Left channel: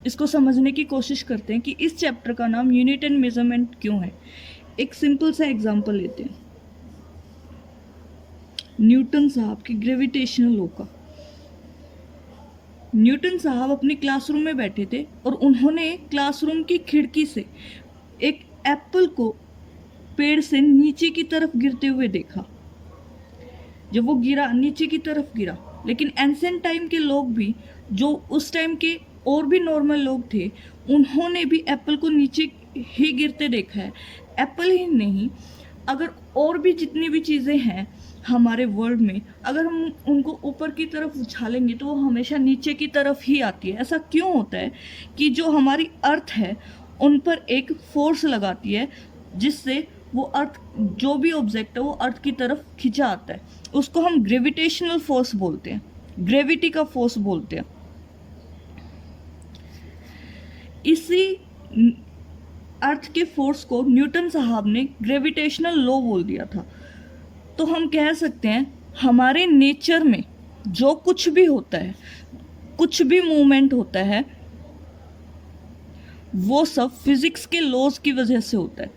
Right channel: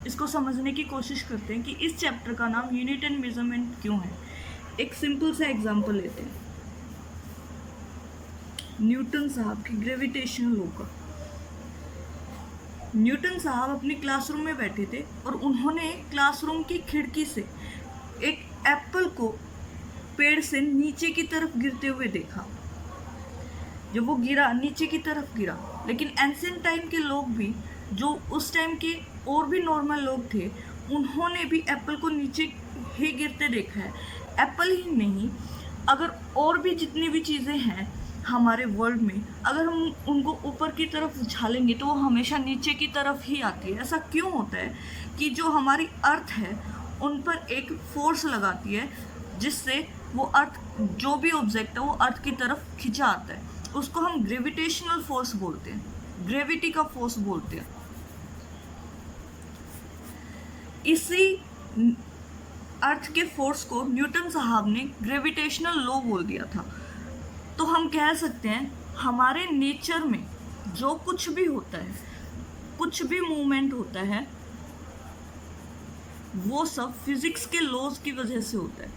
इसको समझने की कोशिश करते हैं कि इस चैप्टर का नाम यूनिट एंड मेजरमेंट क्यों है। एक सिंपल सा एग्जांपल लेते हैं, न्यूटन साहब की ग्रेविटेशनल लॉ का। न्यूटन साहब अपने क्लासरूम में बैठे थे और उन्होंने क्लासरूम की खिड़की से एक एप्पल को पेड़ से नीचे की तरफ गिरते हुए देखा। जब वो गिरा, नीचे की तरफ गिरा, लेकिन एंशिएंट टाइम के लोग भी, जो उस टाइम के और भी नॉर्मल लोग थे, उन्होंने भी एप्पल को नीचे ही गिरते देखा है। एप्पल ही नहीं, अगर और भी जितनी भी चीज़ें हैं हमारे वर्ल्ड में, अगर हम उनको ऊपर की तरफ उछालेंगे तो वो हमेशा नीचे की तरफ ही आती है। ऐसा क्यों होता है कि जो हमारी अर्थ है उन पर एक फोर्स लगाती है, जिससे वो अर्थ, जो भी ऑब्जेक्ट है वो अर्थ की तरफ खिंचा आता है। उसको हम ग्रेविटेशनल फोर्स बोलते हैं, ग्रेविटी का फोर्स बोलते हैं। इसी अर्थ के फोर्स को न्यूटन साहब ने ग्रेविटेशनल लॉ बोल दिया था। तो हम कह सकते हैं हमारे नेचर में जो कुछ भी होता है, कुछ भी मूवमेंट होता है, वो सब फिजिक्स के लॉज की वजह से होता है,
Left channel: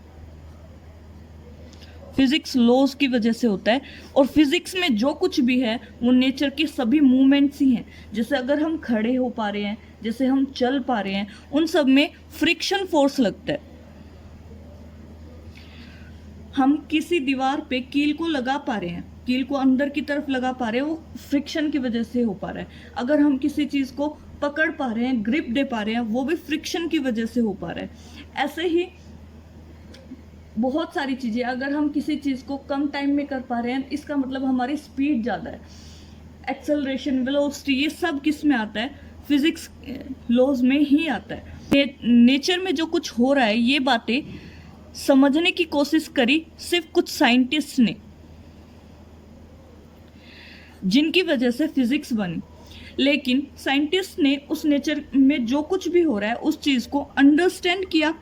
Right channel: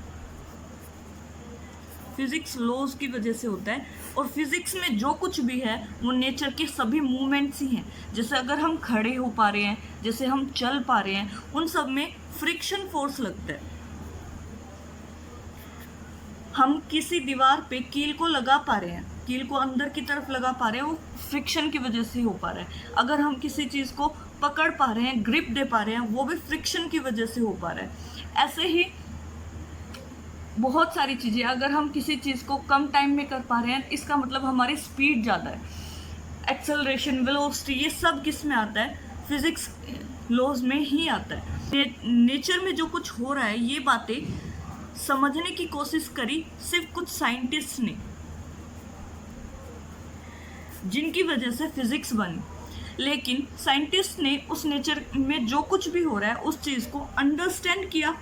फिजिक्स लॉज की वजह से होता है। और फिजिक्स में जो कुछ भी है वो नेचर के सभी मूवमेंट्स ही हैं। जैसे अगर हम खड़े हो पा रहे हैं, जैसे हम चल पा रहे हैं, उन सब में फ्रिक्शन फोर्स लगता है। हम किसी दीवार पे कील को लगा पा रहे हैं, कील को अंदर की तरफ लगा पा रहे हैं, वो फ्रिक्शन की वजह से हो पा रहा है। अगर हम किसी चीज़ को पकड़ पा रहे हैं, ग्रिप दे पा रहे हैं, वो भी फ्रिक्शन की वजह से हो पा रहा है। ऐसे ही बहुत सारी चीज़ें, अगर हम किसी चीज़ को कम टाइम में कर पा रहे हैं, इसका मतलब हमारी स्पीड ज़्यादा है। एक्सेलरेशन, वेलोसिटी, ये सब किस में आता है? फिजिक्स लॉज में ही आता है। नेचर में जो कुछ हो रहा है, ये बातें समझने की कोशिश करी सिर्फ कुछ साइंटिस्ट ने, जिनकी वजह से फिजिक्स बनी। लेकिन साइंटिस्ट ने उस नेचर में जो कुछ भी हो रहा है उस चीज़ को अंडरस्टैंड किया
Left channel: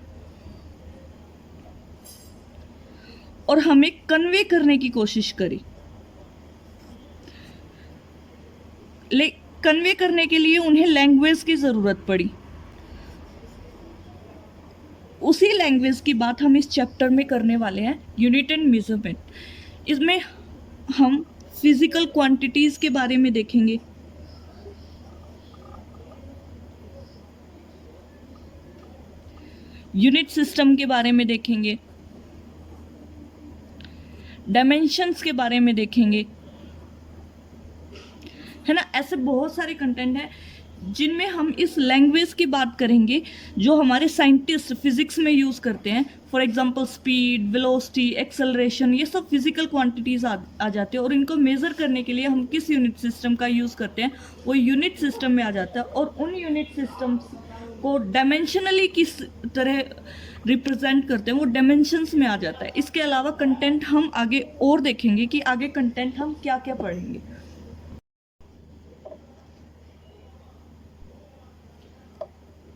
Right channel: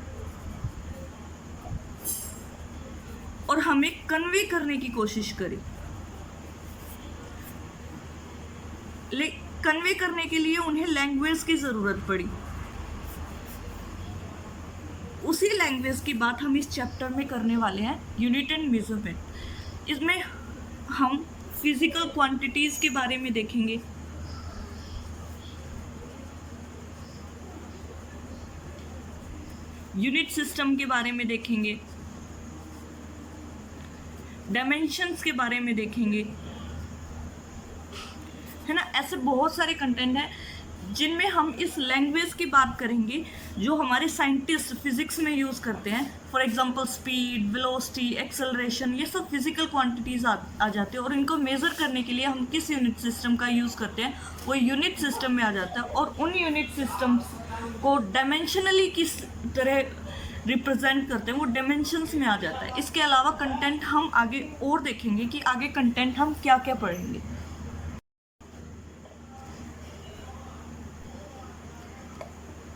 और हमें कन्वे करने की कोशिश करी। कन्वे करने के लिए उन्हें लैंग्वेज की ज़रूरत पड़ी। उसी लैंग्वेज की बात हम इस चैप्टर में करने वाले हैं, यूनिट एंड मेजरमेंट। इसमें हम फिजिकल क्वांटिटीज़ के बारे में देखेंगे, यूनिट सिस्टम के बारे में देखेंगे, डायमेंशंस के बारे में देखेंगे, है ना। ऐसे बहुत सारे कंटेंट हैं जिनमें हम इस लैंग्वेज की बात करेंगे जो हमारे साइंटिस्ट फिजिक्स में यूज़ करते हैं। For example speed, velocity, acceleration, ये सब फिजिकल क्वांटिटीज़ आ जाते हैं। और इनको मेज़र करने के लिए हम किस यूनिट सिस्टम का यूज़ करते हैं, वो यूनिट सिस्टम में आ जाता है। और उन यूनिट सिस्टम्स को डायमेंशनली किस तरह रिप्रेजेंट करते हैं, वो डायमेंशंस में आ जाता है। इसके अलावा कंटेंट हम आगे और देखेंगे कि आगे कंटेंट हम क्या क्या पढ़ेंगे।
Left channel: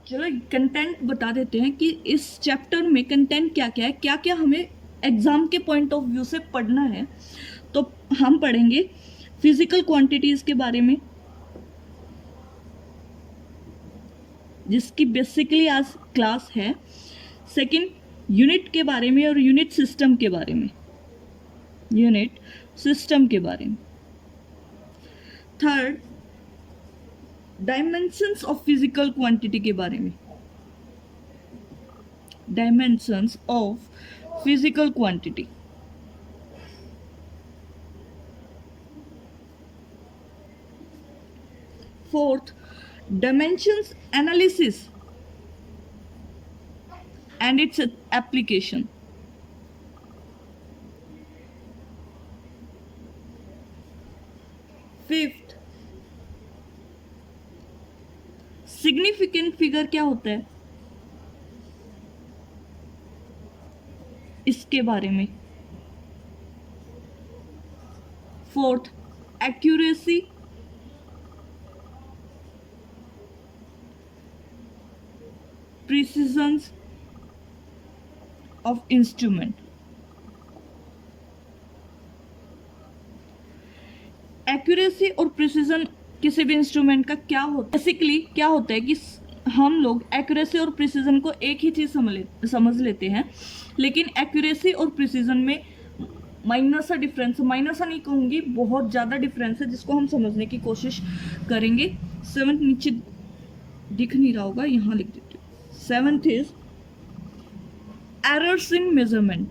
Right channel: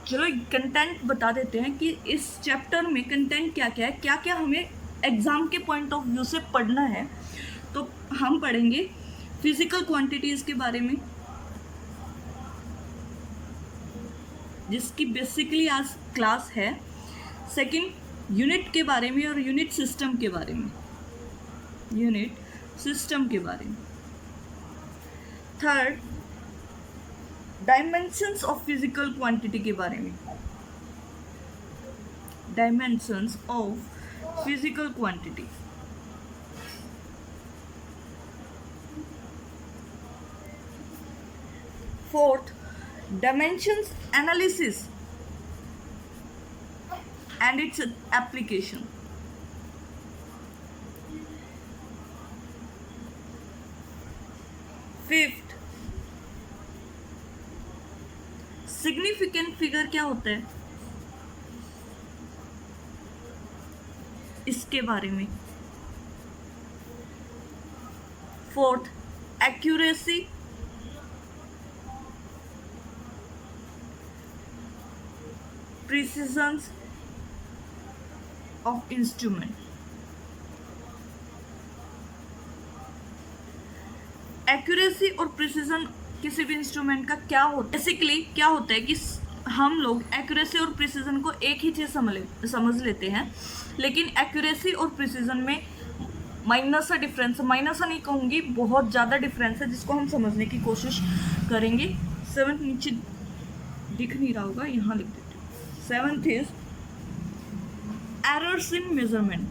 चलो कंटेंट बता देते हैं कि इस चैप्टर में कंटेंट क्या क्या है, क्या क्या हमें एग्ज़ाम के पॉइंट ऑफ व्यू से पढ़ना है। तो हम पढ़ेंगे फिजिकल क्वांटिटीज़ के बारे में, जिसकी बेसिकली आज क्लास है। सेकंड, यूनिट के बारे में और यूनिट सिस्टम के बारे में, यूनिट सिस्टम के बारे में। Third, dimensions of physical quantity के बारे में, dimensions of physical quantity. Fourth, dimensions analysis and its application. Fifth, significant figure क्या होता है, इसके बारे में। Fourth, accuracy, precision of instrument. Accuracy और प्रिसिजन किसी भी इंस्ट्रूमेंट का क्या होता है, बेसिकली क्या होता है कि हम लोग एक्यूरेसी और प्रिसीजन को एक ही चीज़ समझ लेते हैं, लेकिन एक्यूरेसी और प्रिसीजन में माइनस सा डिफरेंस, माइनस सा नहीं कहूँगी, बहुत ज़्यादा डिफरेंस है, जिसको हम समझने की कोशिश करेंगे। सेवन्थ नीचे दिख नहीं रहा होगा, यहाँ लिख देते हैं। Seventh is errors in measurement.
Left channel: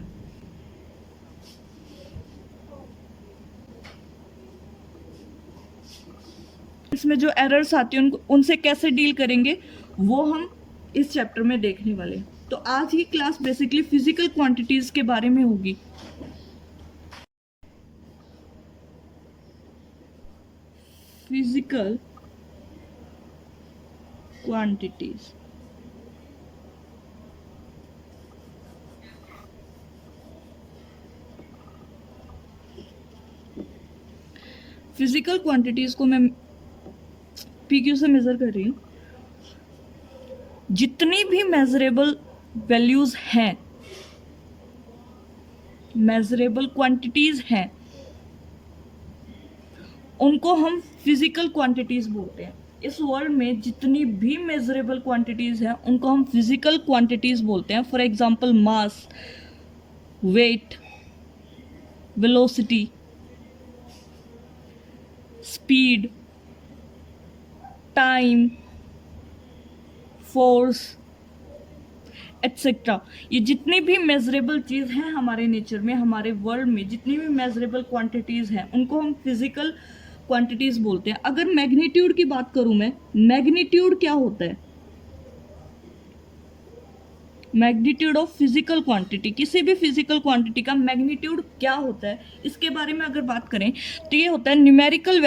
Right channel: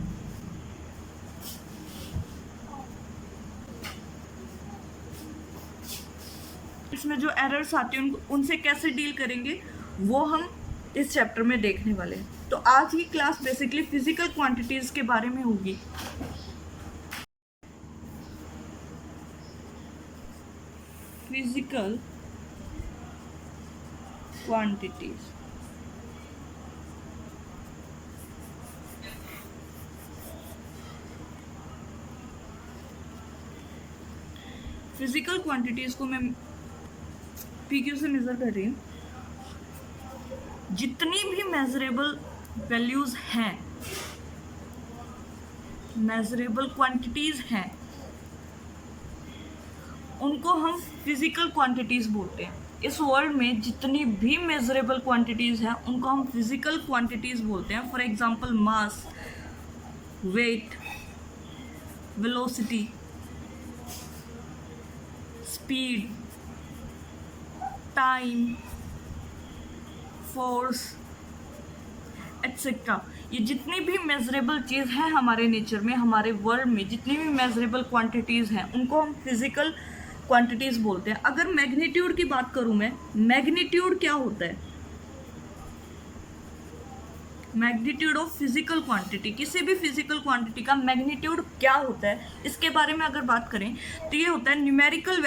इसमें जो एरर्स आती हैं उनसे कैसे डील करेंगे वो हम इस चैप्टर में देखने वाले हैं। तो आज की क्लास बेसिकली फिजिकल क्वांटिटीज के बारे में होगी। फिजिकल क्वांटिटीज, फिजिकल क्वांटिटीज को मैं पीक्यू से मेजर कर रही हूँ। जितनी भी मेजरेबल वैल्यूज हैं, मेजरेबल क्वांटिटीज हैं, उनको हम फिजिकल क्वांटिटीज बोलते हैं। इस वर्ल्ड में जितनी भी मेजरेबल क्वांटिटीज हैं उनको हम फिजिकल क्वांटिटीज बोलते हैं। For example mass, weight, velocity, speed, time, force etcetera. ये जितनी भी मेजरेबल चीज़ है हमारे नेचर में, हमारे वर्ल्ड में जितनी भी मेजरेबल क्वांटिटीज़ हैं उनको हम फिजिकल क्वांटिटीज़ बोलते हैं। अगर मैग्नीट्यूड की बात करूं मैं, मैग्नीट्यूड क्या होता है? मैग्नीट्यूड ऑफ फिजिकल क्वांटिटी, किसी भी फिजिकल क्वांटिटी का मैग्नीट्यूड क्या होता है, इसके बारे में अगर बात करें तो ये होता है numerical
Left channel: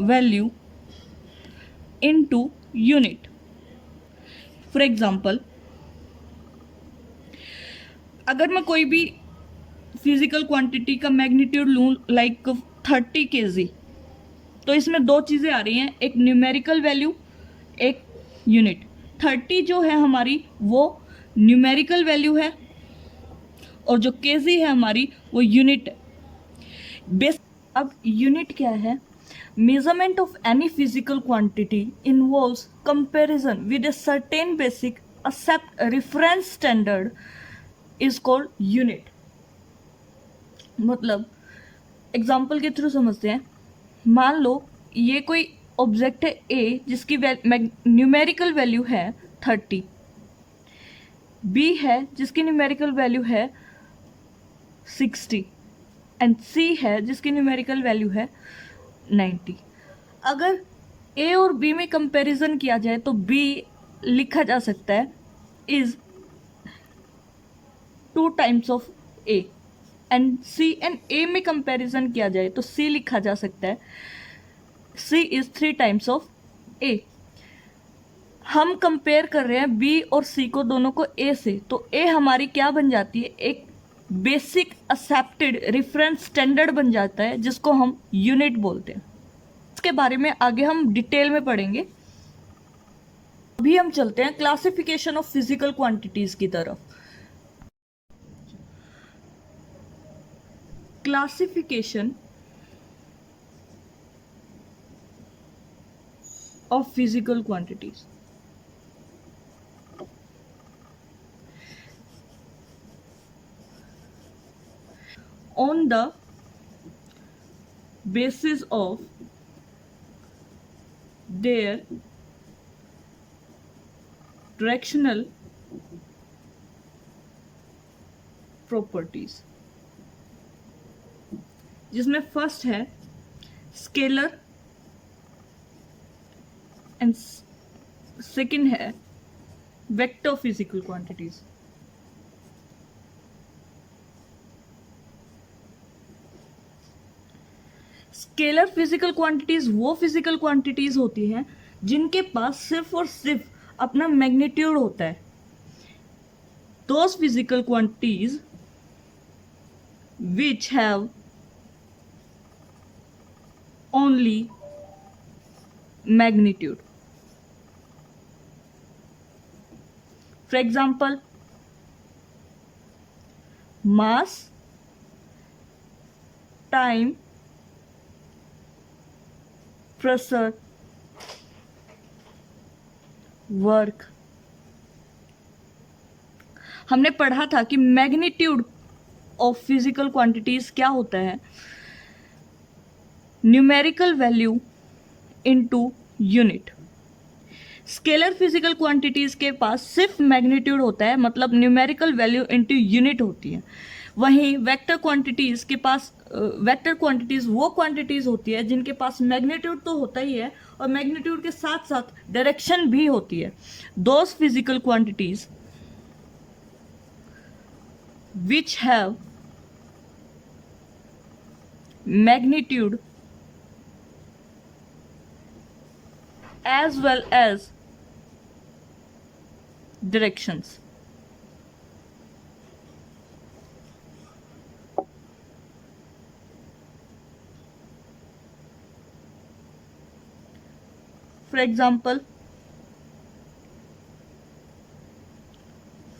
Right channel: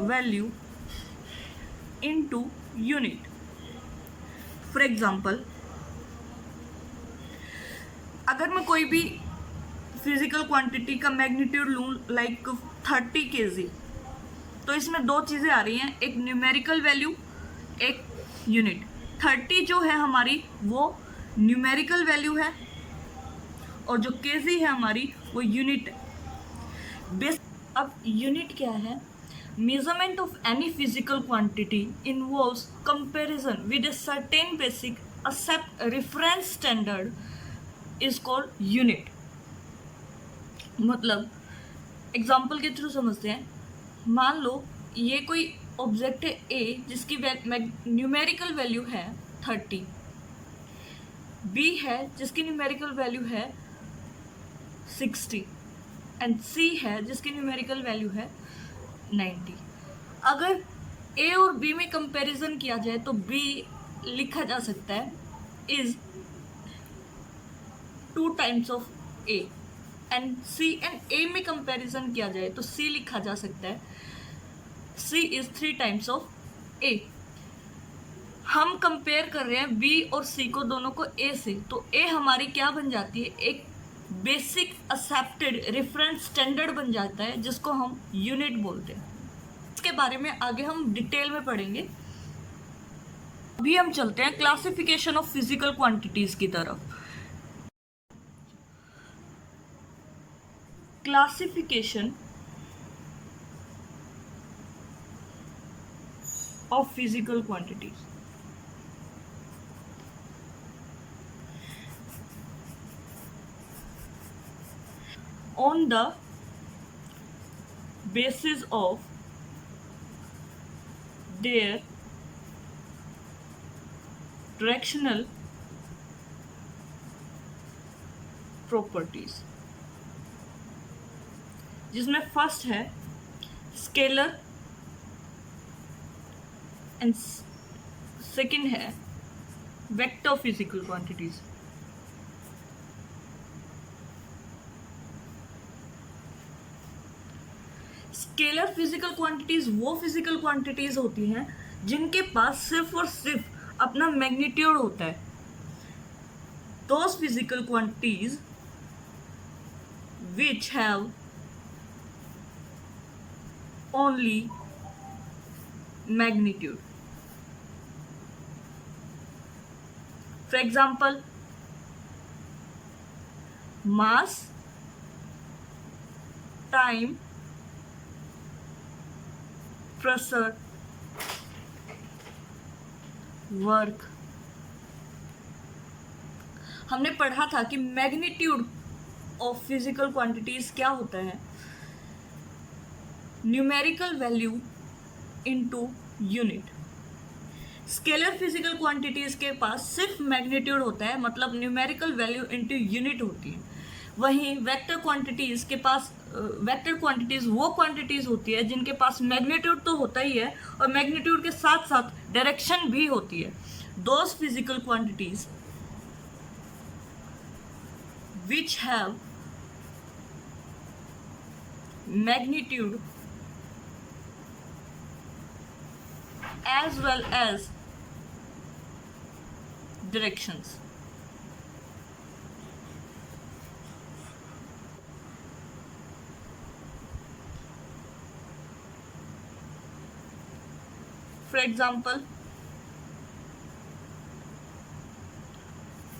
value into unit. For example, अगर मैं कोई भी फिजिकल क्वांटिटी का मैग्नीट्यूड लूँ लाइक 30 kg, तो इसमें दो चीज़ें आ रही हैं, एक न्यूमेरिकल वैल्यू, एक यूनिट। 30 जो है हमारी वो न्यूमेरिकल वैल्यू है और जो kg है हमारी वो यूनिट है। अब यूनिट क्या है? Measurement of any physical quantity involves comparison with a certain basic accept reference standard is called unit. मतलब एग्जाम्पल के थ्रू समझते हैं। मान लो ये कोई ऑब्जेक्ट है ए जिसकी न्यूमेरिकल वैल्यू है 30, बी है जिसकी न्यूमेरिकल वैल्यू है 60 एंड सी है जिसकी न्यूमेरिकल वैल्यू है 90। अगर ए और बी में कंपैरिजन किया जाए तो बी लिखा जा सकता है is 2 times of A, and C and A में कंपैरिजन किया जाए तो सी लिखा जा सकता है सी इज 3 टाइम्स ऑफ ए। हम कंपेयर कर रहे हैं बी और सी को, दोनों को ए से, तो ए हमारी क्या बन जाती है? एक बेसिक एक्सेप्टेड रेफरेंस स्टैंडर्ड बन जाता है जिसको हम यूनिट बोलते हैं। इसके बारे में आगे हम डिटेल में पढ़ेंगे। अभी हम चलते हैं क्लासिफिकेशन ऑफ फिजिकल क्वांटिटीज की तरफ। Classification of physical quantities. on the basis of their directional properties, जिसमें फर्स्ट है स्केलर एंड सेकंड है vector physical quantities. Scalar physical quantities वो फिजिकल क्वांटिटीज होती हैं जिनके पास सिर्फ और सिर्फ अपना मैग्नीट्यूड होता है। Those physical quantities which have only magnitude. For example, mass, time, pressure, work. हमने पढ़ा था कि मैग्नीट्यूड ऑफ फिजिकल क्वांटिटीज क्या होता है, numerical value into unit. Scalar physical quantities के पास सिर्फ मैग्नीट्यूड होता है, मतलब न्यूमेरिकल वैल्यू इनटू यूनिट होती है। वहीं वेक्टर क्वांटिटीज के पास वेक्टर क्वांटिटीज वो क्वांटिटीज होती है जिनके पास मैग्नीट्यूड तो होता ही है और मैग्नीट्यूड के साथ साथ डायरेक्शन भी होती है। Those physical quantities which have magnitude as well as directions. For example,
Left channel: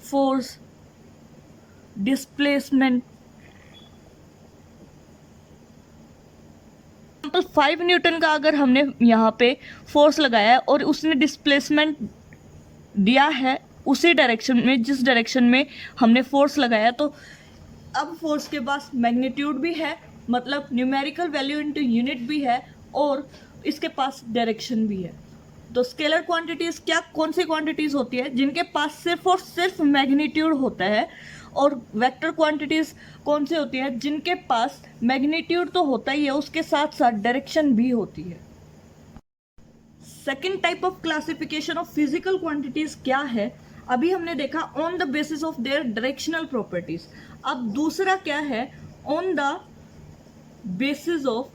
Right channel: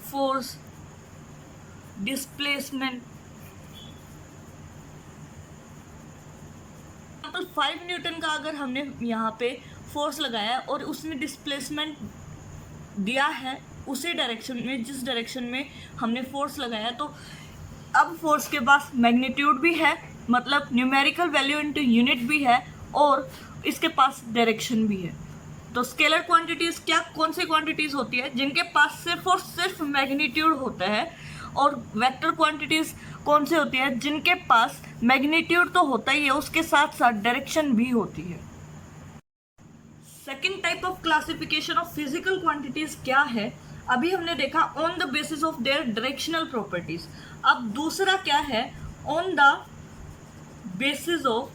force, displacement. 5 Newton का अगर हमने यहाँ पे फोर्स लगाया है और उसने डिस्प्लेसमेंट दिया है उसी डायरेक्शन में जिस डायरेक्शन में हमने फोर्स लगाया, तो अब फोर्स के पास मैग्नीट्यूड भी है, मतलब न्यूमेरिकल वैल्यू इनटू यूनिट भी है, और इसके पास डायरेक्शन भी है। तो स्केलर क्वांटिटीज क्या कौन सी क्वांटिटीज होती है जिनके पास सिर्फ और सिर्फ मैग्नीट्यूड होता है, और वेक्टर क्वांटिटीज कौन से होती है जिनके पास मैग्नीट्यूड तो होता ही है उसके साथ साथ डायरेक्शन भी होती है। Second type of classification of physical quantities क्या है, अभी हमने देखा on the basis of their directional properties. अब दूसरा क्या है, on the basis of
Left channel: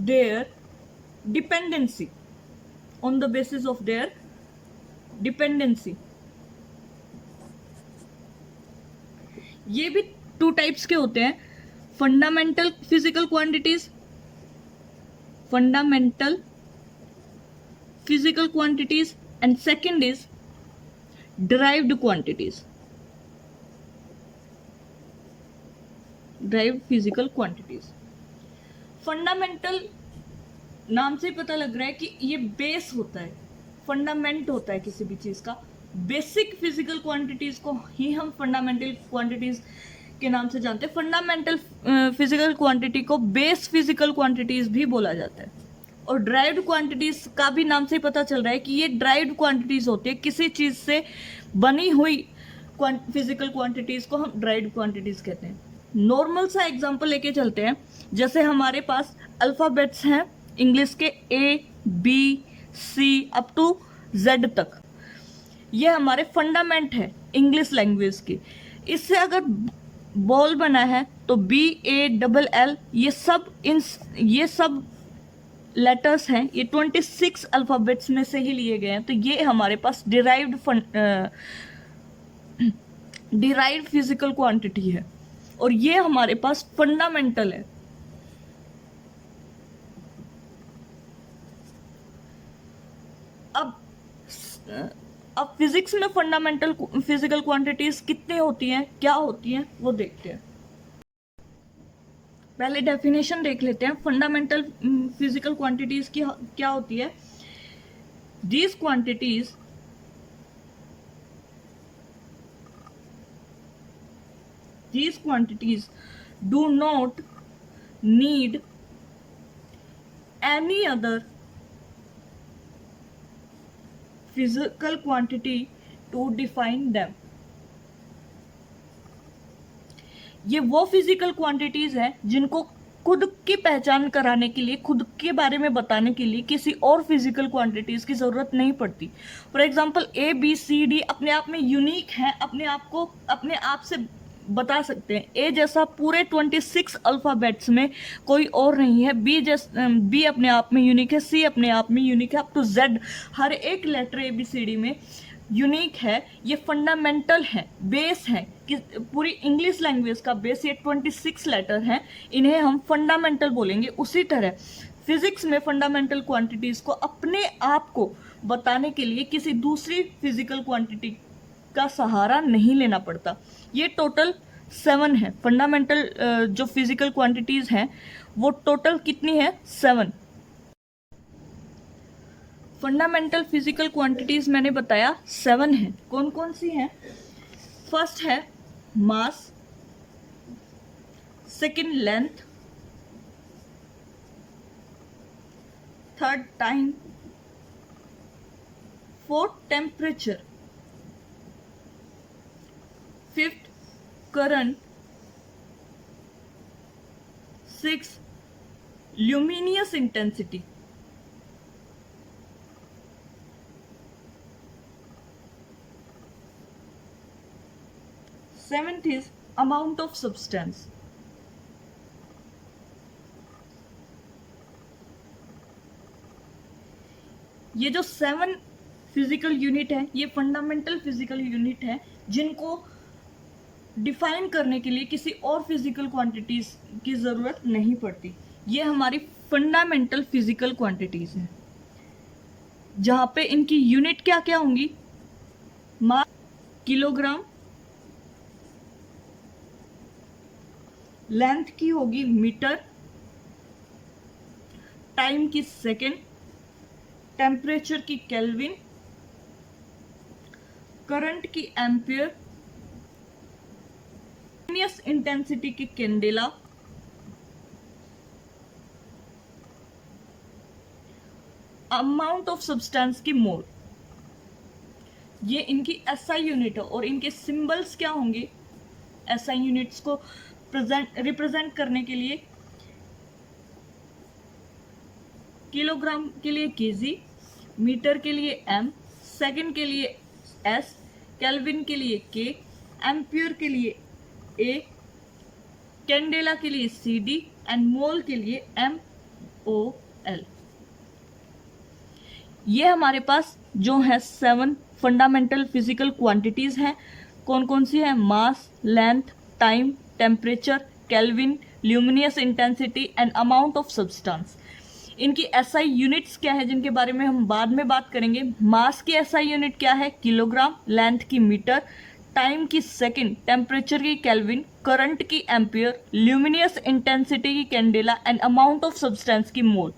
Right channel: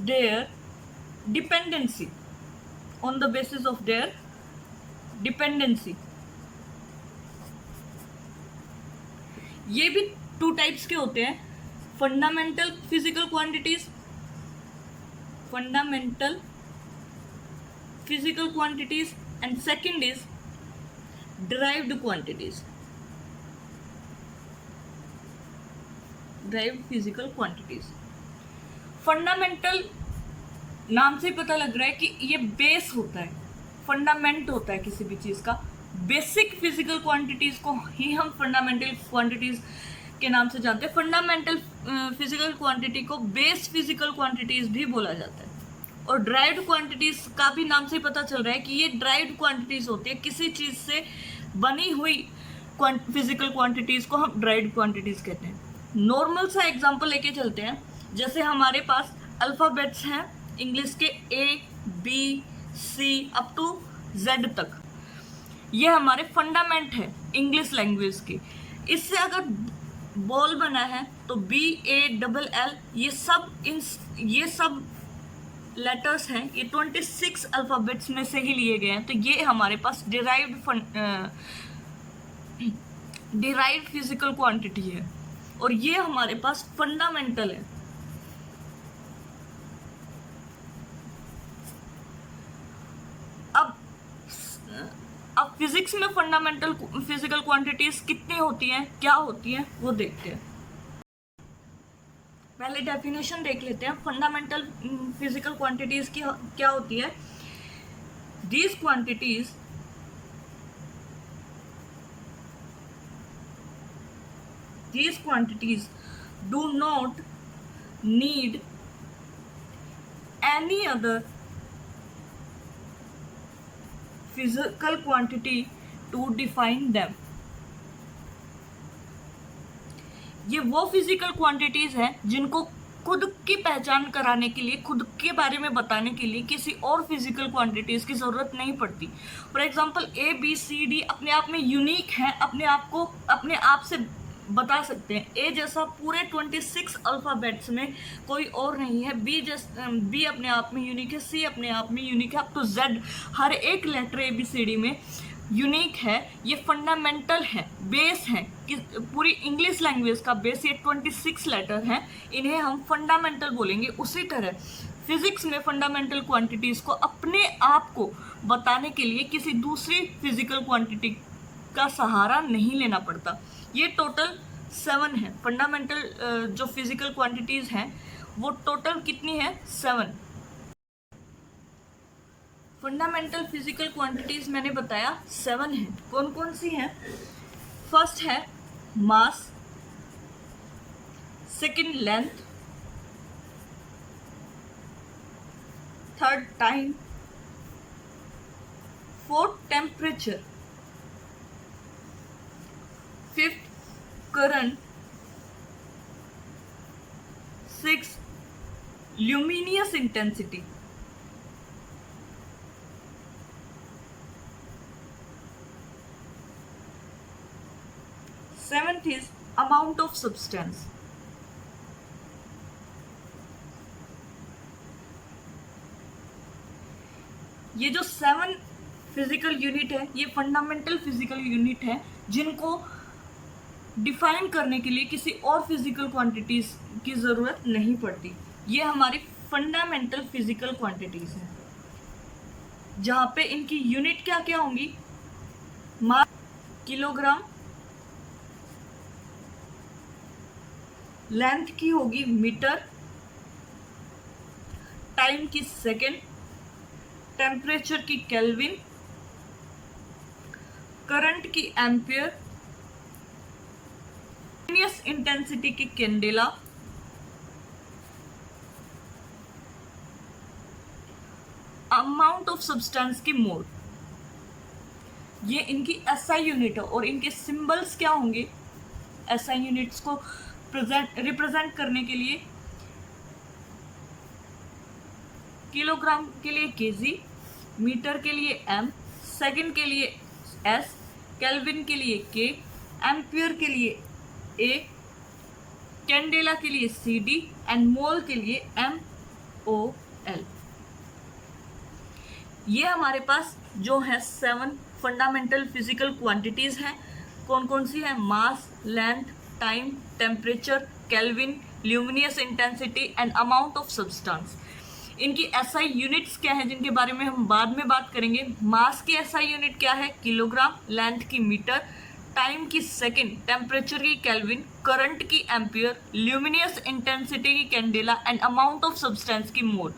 their dependency, on the basis of their dependency. ये भी 2 टाइप्स के होते हैं, fundamental physical quantities, fundamental physical quantities, and second is derived quantities, derived physical quantities. Fundamental नाम से पता लग रहा है कि ये बेस होता है, फंडामेंट होता है किसी भी चीज का। बेसिक फिजिकल क्वांटिटीज को ही हम फंडामेंटल क्वांटिटीज के नाम से जानते हैं। फंडामेंटल फिजिकल क्वांटिटी को बेस फिजिकल क्वांटिटीज भी बोला जाता है। और ड्राइव्ड क्वांटिटीज का भी नाम से पता चल रहा है कि ये ड्राइव्ड क्वांटिटीज होती है, किसी चीज से बनी हुई फिजिकल क्वांटिटीज को हम ड्राइव्ड क्वांटिटीज कहते हैं। नॉर्मल सा एग्जांपल लेके चलते हैं, जैसे हमारे पास अल्फाबेट्स हैं इंग्लिश के ABC अप टू Z तक, ये हमारे फंडामेंट है इंग्लिश लैंग्वेज की। इससे अगर बॉल बना है तो BALL, ये सब लेटर्स हैं, ये 26 अल्फाबेट्स में से ही लिए गए हैं। तो ये हमारे पास डिराइव्ड फिजिकल क्वांटिटी है और ये हमारे पास फंडामेंटल है। अब फिजिक्स में फंडामेंटल फिजिकल क्वांटिटीज कितनी होती हैं, क्या होती हैं, वो देखते हैं। पहले डेफिनेशन देख लेते हैं फंडामेंटल फिजिकल क्वांटिटीज की क्या होती है। These quantities do not need any other physical quantity to define them. ये वो फिजिकल क्वांटिटीज हैं जिनको खुद की पहचान कराने के लिए, खुद के बारे में बताने के लिए किसी और फिजिकल क्वांटिटीज की जरूरत नहीं पड़ती। फॉर एग्जांपल ABCD अपने आप में यूनिक है, अपने आप से बता सकते हैं। A जैसा पूरे 26 अल्फाबेट्स में कोई और नहीं है। B अपने आप में यूनिक है, C अपने आप में यूनिक है, अप टू Z हर एक लेटर ABCD में यूनिक है। ये फंडामेंटल है, बेस है कि पूरी इंग्लिश लैंग्वेज का बेस ये 26 लेटर हैं, इन्हें हम फंडामेंटल बोलेंगे। उसी तरह फिजिक्स में फंडामेंटल क्वांटिटीज को अपने आप को बताने के लिए किसी दूसरी फिजिकल क्वांटिटी का सहारा नहीं लेना पड़ता। ये टोटल 7 है। फंडामेंटल जो फिजिकल क्वांटिटीज़ हैं वो टोटल कितनी है? 7। फंडामेंटल फिजिकल क्वांटिटीज़ मैंने बताया 7 है। कौन कौन सी हैं? फर्स्ट है mass, second length, third time, fourth temperature, fifth current, six luminous intensity, seventh is amount of substance. ये जो 7 फिजिकल यूनिट है ये फंडामेंटल फिजिकल यूनिट है जिनको डिफाइन करने के लिए किसी और फिजिकल क्वांटिटीज की ज़रूरत नहीं पड़ती। ये हमारी फंडामेंटल फिजिकल क्वांटिटीज हैं जहाँ पे इनकी यूनिट क्या क्या होंगी? मास किलोग्राम, लेंथ की होगी मीटर, टाइम की सेकेंड, टेम्परेचर की केल्विन, करंट की एम्पियर, ल्यूमिनियस इंटेंसिटी की कैंडेला, अमाउंट ऑफ सब्सटेंस की मोल। ये इनकी एसआई यूनिट है और इनके सिंबल्स क्या होंगे? एसआई यूनिट्स को रिप्रेजेंट करने के लिए किलोग्राम के लिए केजी, मीटर के लिए एम, सेकंड के लिए एस, केल्विन के लिए के, एम्पियर के लिए ए, कैंडेला के लिए सी डी एंड मोल के लिए एम ओ एल। ये हमारे पास जो है 7 फंडामेंटल फिजिकल क्वांटिटीज हैं। कौन कौन सी है? Mass, length, time, temperature, kelvin, luminous intensity and amount of substance. इनकी एसआई यूनिट्स क्या है जिनके बारे में हम बाद में बात करेंगे। मास की एसआई यूनिट क्या है? किलोग्राम, लेंथ की मीटर, टाइम की सेकंड, टेम्परेचर की केल्विन, करंट की एम्पियर, ल्यूमिनियस इंटेंसिटी की candela and amount of substance की मोल।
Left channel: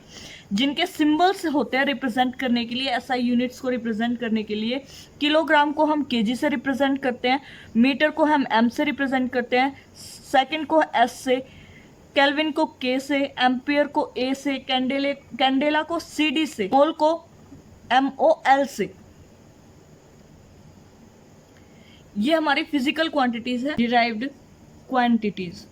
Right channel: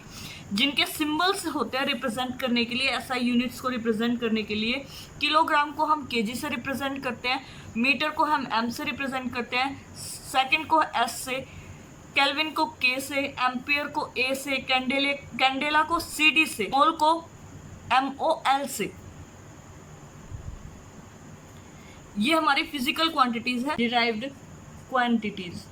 जिनके सिंबल्स होते हैं रिप्रेजेंट करने के लिए, एसआई यूनिट्स को रिप्रेजेंट करने के लिए, किलोग्राम को हम केजी से रिप्रेजेंट करते हैं, मीटर को हम एम से रिप्रेजेंट करते हैं, सेकंड को एस से, केल्विन को के से, एम्पियर को ए से, कैंडेला को सी डी से, मोल को एम ओ एल से। ये हमारी फिजिकल क्वांटिटीज है, डिराइव्ड क्वांटिटीज।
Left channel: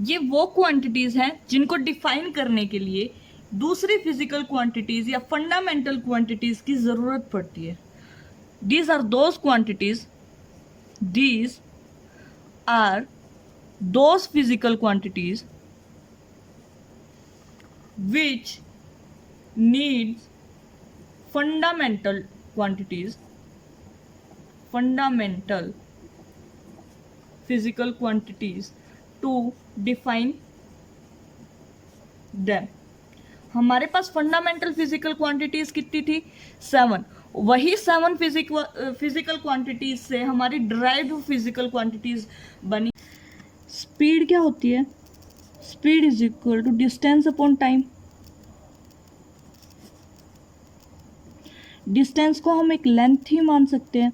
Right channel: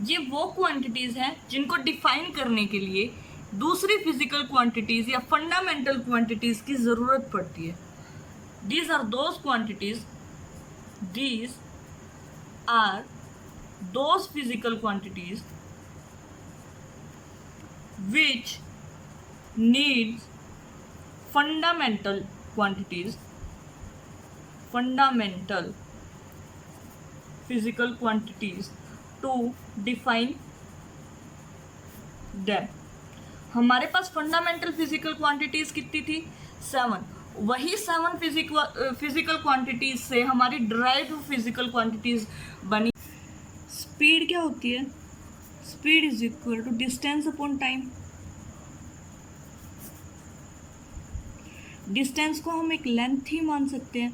ये वो क्वांटिटीज हैं जिनको डिफाइन करने के लिए दूसरी फिजिकल क्वांटिटीज या फंडामेंटल क्वांटिटीज की जरूरत पड़ती है। These are those quantities, these are those physical quantities which needs fundamental quantities, fundamental physical quantities to define them। हमारे पास फंडामेंटल फिजिकल क्वांटिटीज कितनी थी? 7। वही 7 फिजिकल क्वांटिटीज से हमारी डिराइव्ड फिजिकल क्वांटिटीज बनी। स्पीड क्या होती है? Speed is equal to distance upon time. Distance को हम एक लेंथ ही मान सकते हैं।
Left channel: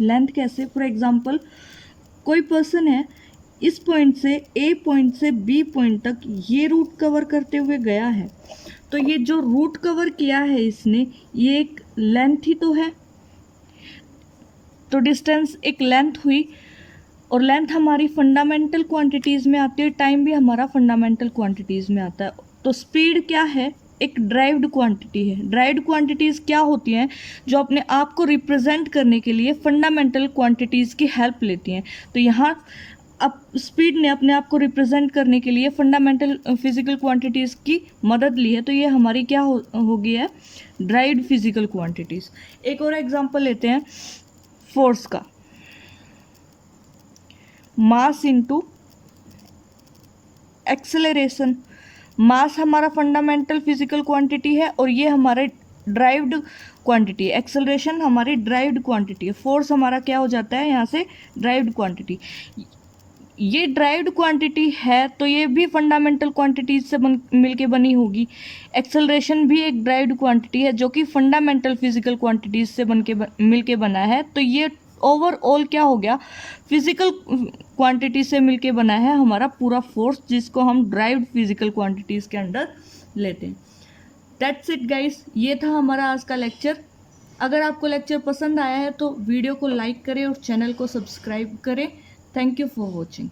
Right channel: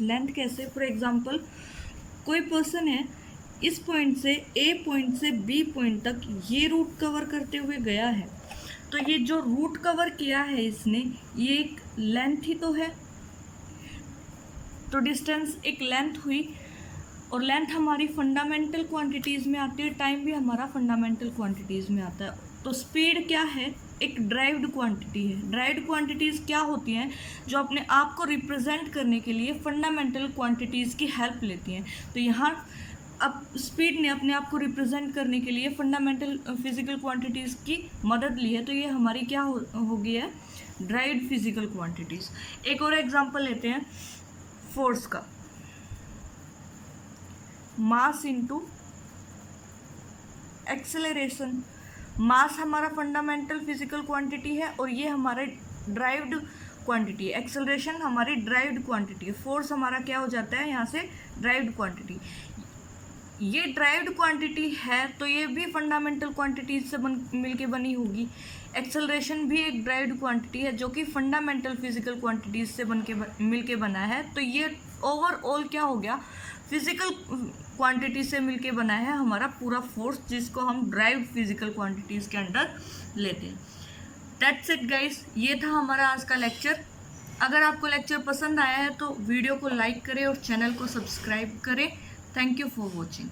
लेंथ कैसे? फॉर एग्जांपल कोई पर्सन है, इस पॉइंट से ए पॉइंट से बी पॉइंट तक ये रूट कवर करते हुए गया है, तो ये जो रूट कवर किया है इसने, ये एक लेंथ ही तो है। तो डिस्टेंस एक लेंथ हुई और लेंथ हमारी फंडामेंटल क्वांटिटीज़ में आती है, टाइम भी हमारा फंडामेंटल क्वांटिटीज़ में आता है। तो स्पीड क्या है? एक ड्राइव्ड क्वांटिटी है। ड्राइव्ड क्वांटिटीज़ क्या होती हैं? जो अपने आप को रिप्रेजेंट करने के लिए फंडामेंटल क्वांटिटीज़ की हेल्प लेती हैं। तो यहाँ अब स्पीड ने अपने आप को रिप्रेजेंट करने के लिए फंडामेंटल फिजिकल क्वांटिटीज़ की मदद ली है। तो ये हमारी क्या हो गई है? Derived physical quantities. एक और एग्जांपल लेते हैं फोर्स का। Mass into acceleration. मास हमारा फंडामेंटल फिजिकल क्वांटिटी है और ये हमारे ड्राइव्ड क्वांटिटी है। एक्सेलरेशन हमारी ड्राइव्ड क्वांटिटी है। फोर्स हमारा क्या हो जाता है यहाँ से, ड्राइव्ड क्वांटिटी। ये ड्राइव्ड क्वांटिटी है तो ये भी फंडामेंटल क्वांटिटीज से मिलके बनी होगी। एक्सेलरेशन भी एक ड्राइव्ड क्वांटिटी है जो कि फंडामेंटल फिजिकल क्वांटिटीज से मिलके बना है। तो ये ओवरऑल क्या हो गया, फिजिकल क्वांटिटी से मिलके बना है हमारा पूरा फोर्स, जिसको हम ड्राइव्ड फिजिकल क्वांटिटीज़ के अंडर लेते हैं। दैट्स इट गाइस, ये था हमारा आज का लेक्चर। अगर आपको लेक्चर पसंद आया है तो वीडियो को लाइक करें और चैनल को सब्सक्राइब करें। Thank you for watching.